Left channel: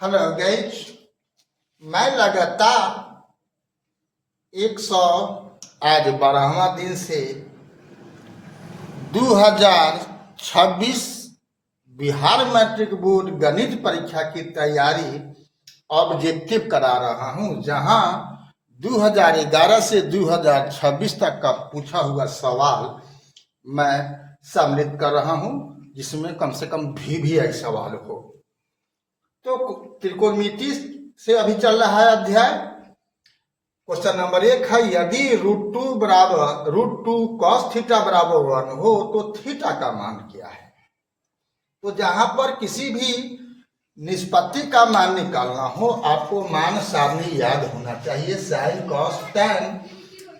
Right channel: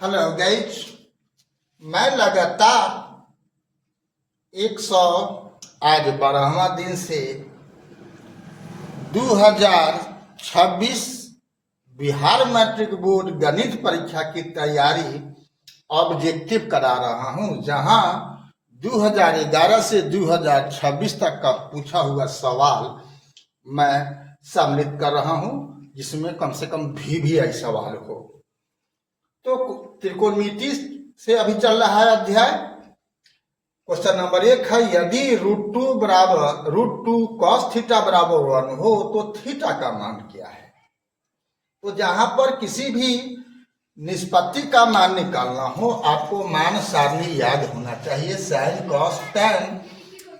Hello guys, मैं लगातार 100 आज 12वां दिन से 2026 बिहार मैट्रिक बोर्ड गणित परीक्षा की तैयारी ऑब्जेक्टिव करा रहा हूं, जहां 2011 से 2026 तक का पूछा हुआ सवाल मैं सम्मिलित कर रहा हूं, जिसमें कम से कम VVI सवाल हो। तो त्रिकोणमिति से अभी चल रहा है अध्याय। क्वेश्चन नंबर 1 है, यदि √2 cos थीटा बराबर 1 हो तो थीटा का मान क्या है। तो जहां पर किसी भी निष्पत्ति का मान निकालना हो, आपको मान सारणी याद होना चाहिए। साइन, कॉस, टैन,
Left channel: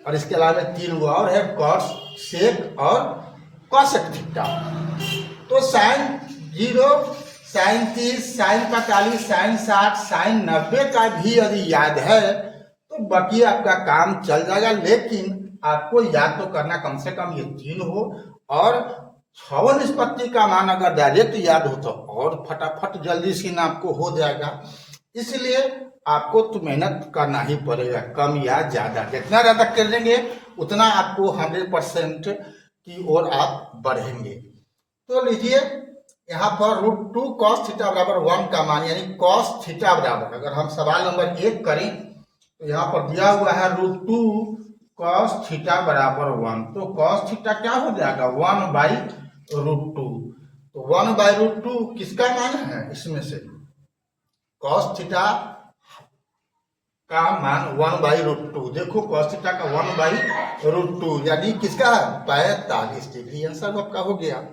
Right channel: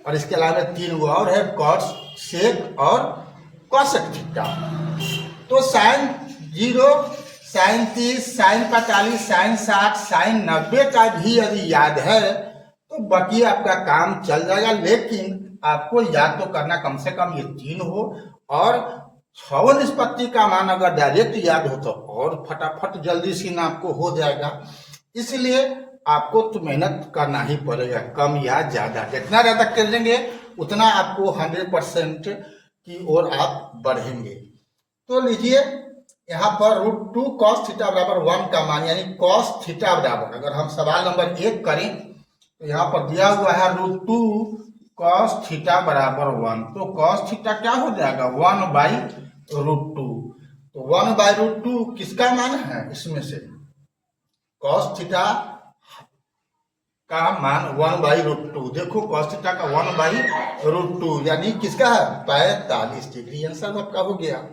और इसके अलावा 3 और है, कॉस, सेक और कॉसेक थीटा। तो sine 0, sine 30, sine 45, sine 60, sine 90 का भी यदि याद है तो बाकी आपका काम चल जाएगा। लेकिन आपको याद तो करना कम से कम ये 3 हो, और 6 निष्पत्ति का मान अगर डायरेक्ट याद हो तो और फटाफट जल्दी से आपको हो जाएगा। इसलिए आपको तो मेहनत करना ही पड़ेगा, कम या ज्यादा। जितना ज्यादा कर लेंगे उतना आपको 100% की ओर आप बढ़ेंगे। तो लीजिए यहाँ पर √2 cos थीटा बराबर 1 का मान, यानी cos थीटा बराबर, अगर हम सवाल नंबर 1 करें तो यहाँ पर दिया हुआ है √2 cos थीटा बराबर 1। तो cos थीटा क्या हो जाएगा, 1/√2। तो 1/√2 किसका मान है इसमें से, cos थीटा का मान 1/√2। देखो cos थीटा का 1/√2 यानी किसका है, 45 डिग्री। आंसर आपका हो गया।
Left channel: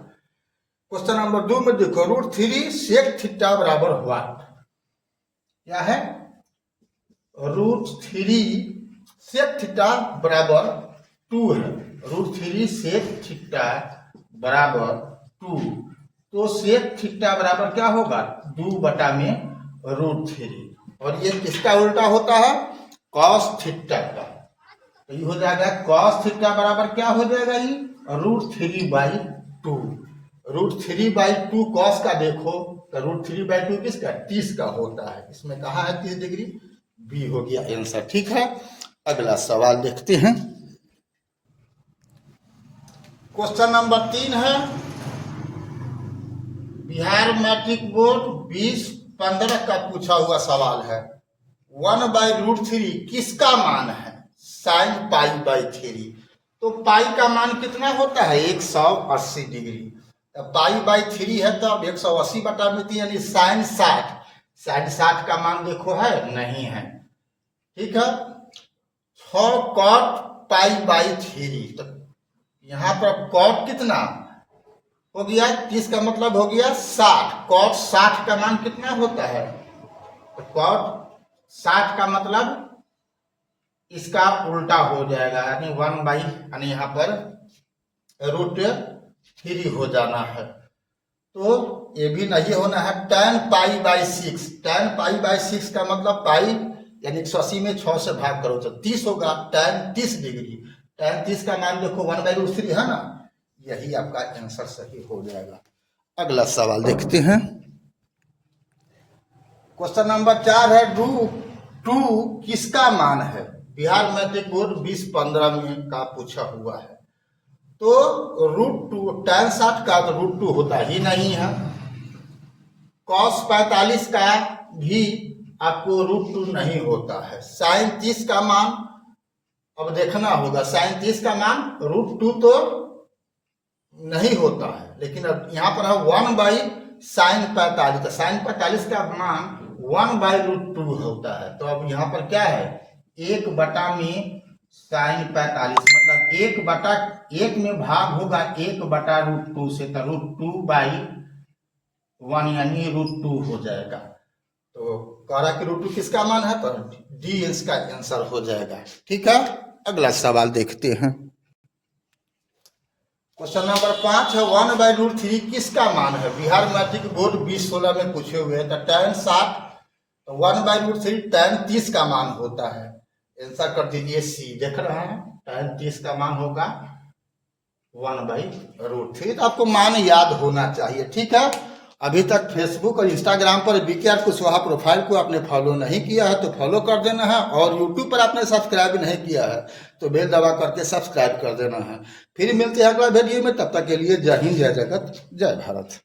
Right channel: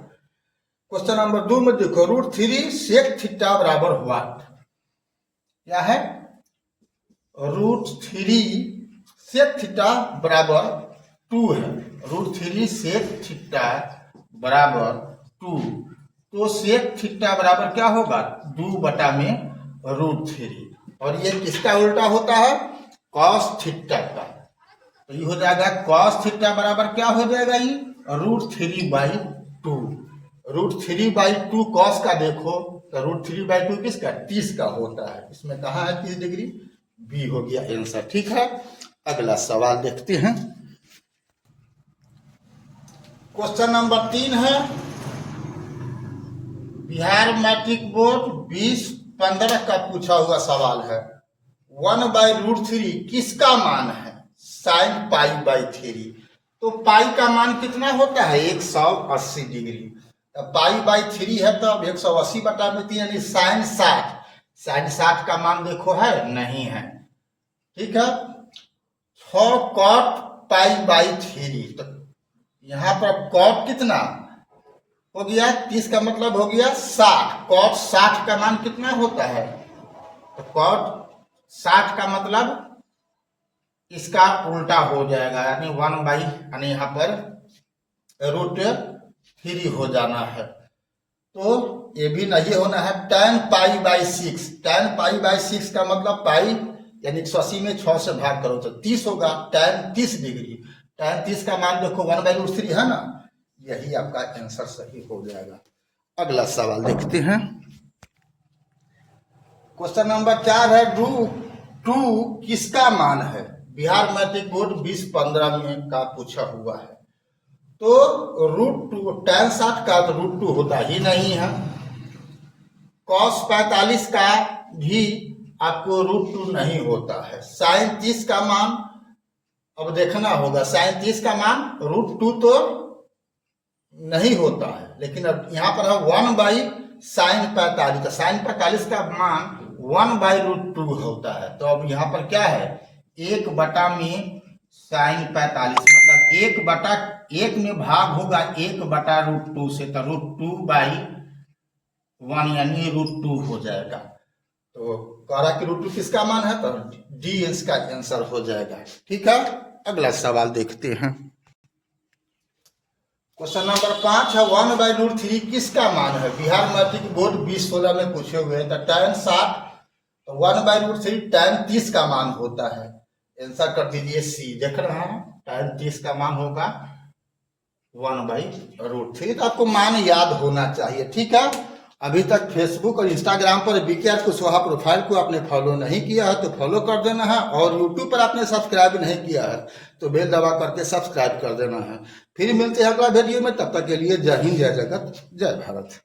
क्वेश्चन नंबर 2 में देखो, √3 सेक थीटा बराबर व्हाट। क्या है, √3 सेक थीटा बराबर 2 है। √3 सेक थीटा बराबर 2। तो सेक थीटा बराबर क्या होगा, 2/√3। और ये किसका उल्टा होता है, cos थीटा का। तो ये हो जाएगा cos थीटा बराबर क्या हो जाएगा, ये √3/2। √3/2 cos का देखो तो √3/2 किसका, 30 का होता है। इसमें कहाँ है 30 डिग्री, बी हो गया आंसर। ठीक है, अगला सवाल देखते हैं। क्वेश्चन नंबर 3 है, बिहार मैट्रिक बोर्ड 2015 का पूछा हुआ सवाल है। 1/√3 किसका मान है, साइन π/3। तो पाई का मान कितना होता है, 180 डिग्री। π/3 है तो अब 180/3 यानी साइन 60। साइन 60 का मान देखो है, नहीं है। ठीक है, 6 cot π/3। तो यहाँ पर cot कितना हो गया, 30 का मतलब हो गया 60। cot 60 का मान कितना होता है, तो cot 60 का मतलब इसका उल्टा हो जाएगा, यानी 1 यानी यहाँ पर √3 हो जाना है। तो ये भी नहीं होना है, tan π/6। tan π/6 का मतलब पाई यानी 180 में 6 से भाग करो तो 30 होगा, tan 30 डिग्री। tan 30 का मान देखो 1/√3 है ना, यही आपका आंसर सही हो जाएगा। अगला सवाल देखते हैं। क्वेश्चन नंबर 4 है, √2 किसका मान है। बिहार मैट्रिक बोर्ड 2015 में का पूछा हुआ है। तो √2 tan 60 का तो √2 होता ही नहीं है। cos 45 का भी आपको √2 नहीं होता है। साइन 30 का मान अब देखना होगा, साइन 30 का मान √2 तो नहीं होता है, लेकिन अब यहाँ पर है 1/sin45। तो साइन 45 का मान 1/√2 होता है। तो अब यहाँ पर क्या है, 1 में साइन 45, मतलब 1 में भाग होगा 1/√2 से, तो √2/1 यानी √2 हो जाएगा। तो कह रहा कि √2 किसका मान है, तो डी इसका आंसर हो जाएगा। ठीक है, अगला सवाल देखते हैं। क्वेश्चन नंबर 5 है, 1/√3 किसका मान है। बिहार मैट्रिक बोर्ड 2016 में पूछे हुए हैं। तो tan 60, तो 1/√3 tan 30 का मान होता है। आंसर कर दीजिए सी। देख रहे हैं, tan 30 का मान होगा 1/√3। तो आपको मान याद होना चाहिए। ठीक है, अभी तक फेसबुक और इंस्टाग्राम पर बीके कुशवाहा प्रोफाइल को आपने फॉलो नहीं किया है तो फॉलो कर देना है, और यूट्यूब पर आपने सब्सक्राइब नहीं किया है तो बेल दबा करके सब्सक्राइब कर देना है। फिर मिलते हैं अगला वीडियो में, तब तक के लिए जय हिंद, जय जगत, जय भारत।